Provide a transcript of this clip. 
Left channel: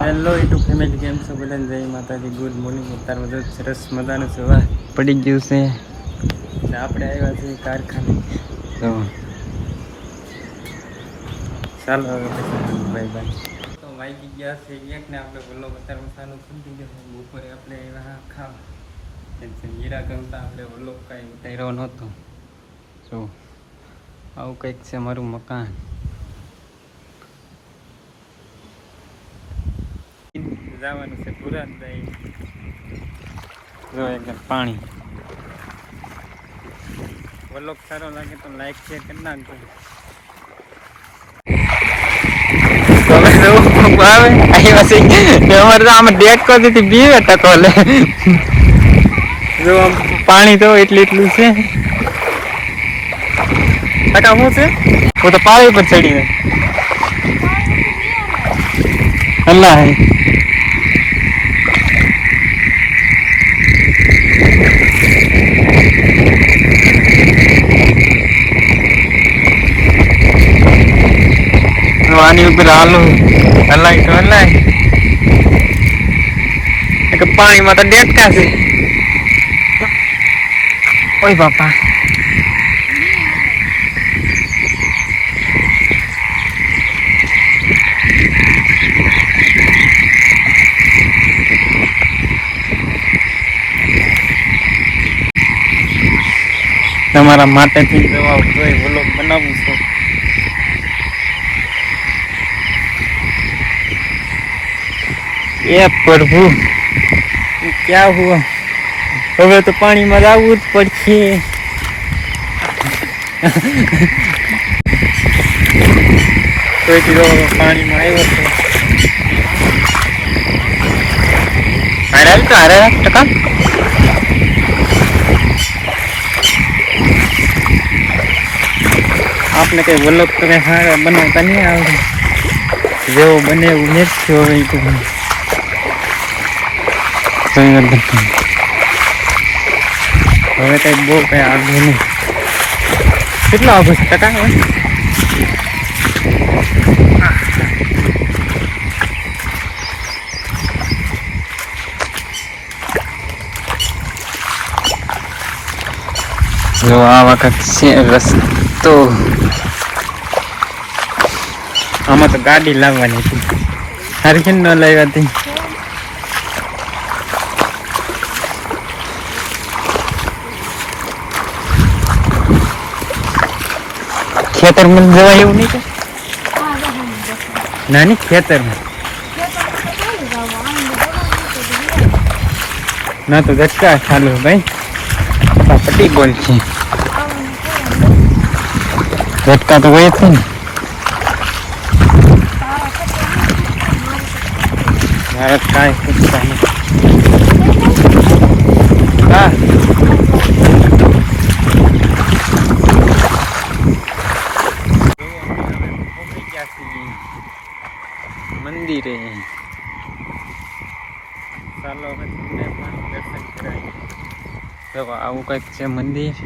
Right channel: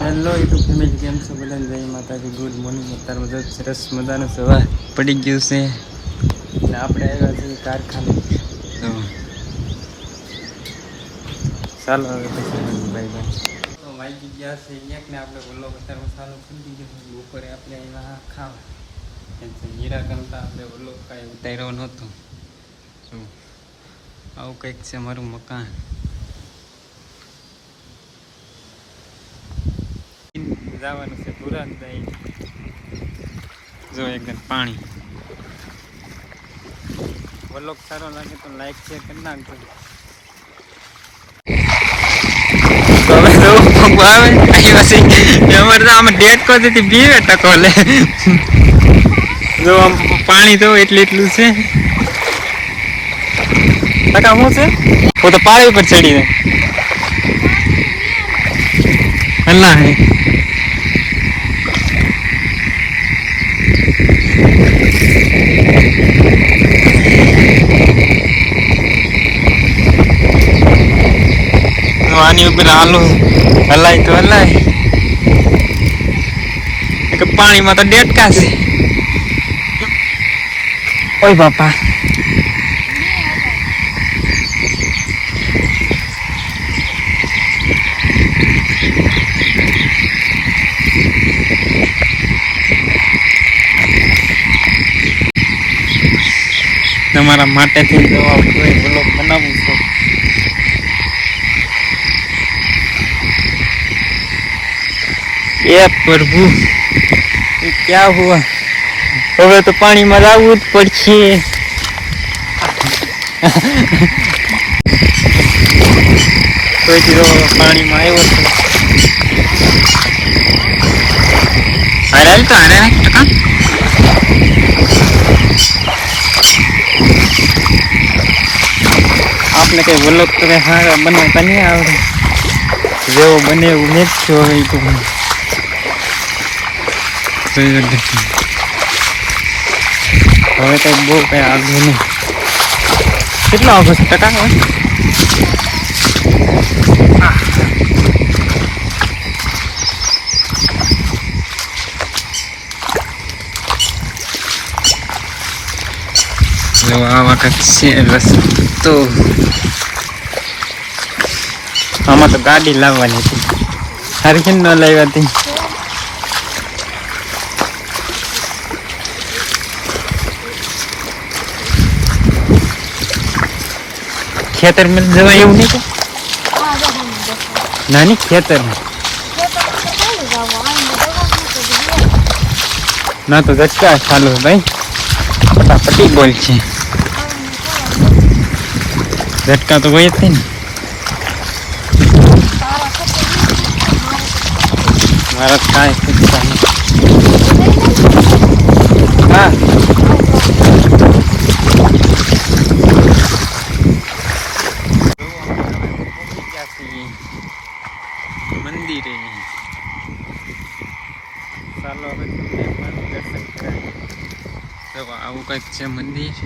Hello YouTube family, કેમ છો બધા? જય માતાજી, ગુડ મોર્નિંગ. અત્યારમાં તો સરસ મજાનું સવાર પડી ગયું છે ને આપણે આવ્યા છીએ કારખાને. તો ચાલો હવે પછી મળીએ, બાય બાય. તો વાગી ગયા છે એક ને આપણે વલ્લો અત્યારમાં ચાલુ કરી દીધો છે. બપોરે આપણે આવ્યા ખાવા નિરાકરણતા આપણે વલ્લો કાંઈ ઉતાર્યો નહોતો. તો આવું કંઈક છે મારું મકાન. જવાનું છે પુરાણ જાય. જો એકદમ પાણી. વ્લોગ સારો લાગે તો લાઈક શેર કરી નાખજો. આવે અમારે તો આમાં ડેટ કોથી બીવે ટકો લે. જો આમ પાણી તો એટલું છે. ટકા શું છે? હું તો પાણી ઉપર ચડી જાય. અલ્લાહ આની ઉપર હાલો હલાય તો હલાય. પાણીમાં તો ડેટકા છે. ઓય બાપા, તમારા માટેથી દવા કોઈ વ્લોગ બનાવું છું. એ પ્રભુ, ક્યાં હુઆ? હવે તો પાણીમાં આવવું જ પડશે. કોઈથી પાણીમાં આવ્યો છે. અરે તો અરે ટકા આપને કઈ વ્લોગ તો કઈ સારા બનાવતા નહીં આવડે. જેવો બને એવું મેળશું હવે. હવે કઈ બહુ કઈ આગળ નહીં. કેટલા વાગે છે ટકા? હવે જો આ વખત છે રસ્તો. આમાં તો ગાડી લાવવાની હતી, સારી છે ન લાવી હતી. ખેતરમાં જવાય એવું નહીં કે નાની ખેતરમાં ના તો ઝટકા ચાલુ ભાઈ. ફટાફટી બોલ છે. ઝટકા તો ગઈ છે ને. મારા કાંઈ શીખતા નથી. હા મંદિરે. ચાલો હવે તમને પણ દર્શન કરાવીએ. આવું કંઈક છે મંદિર.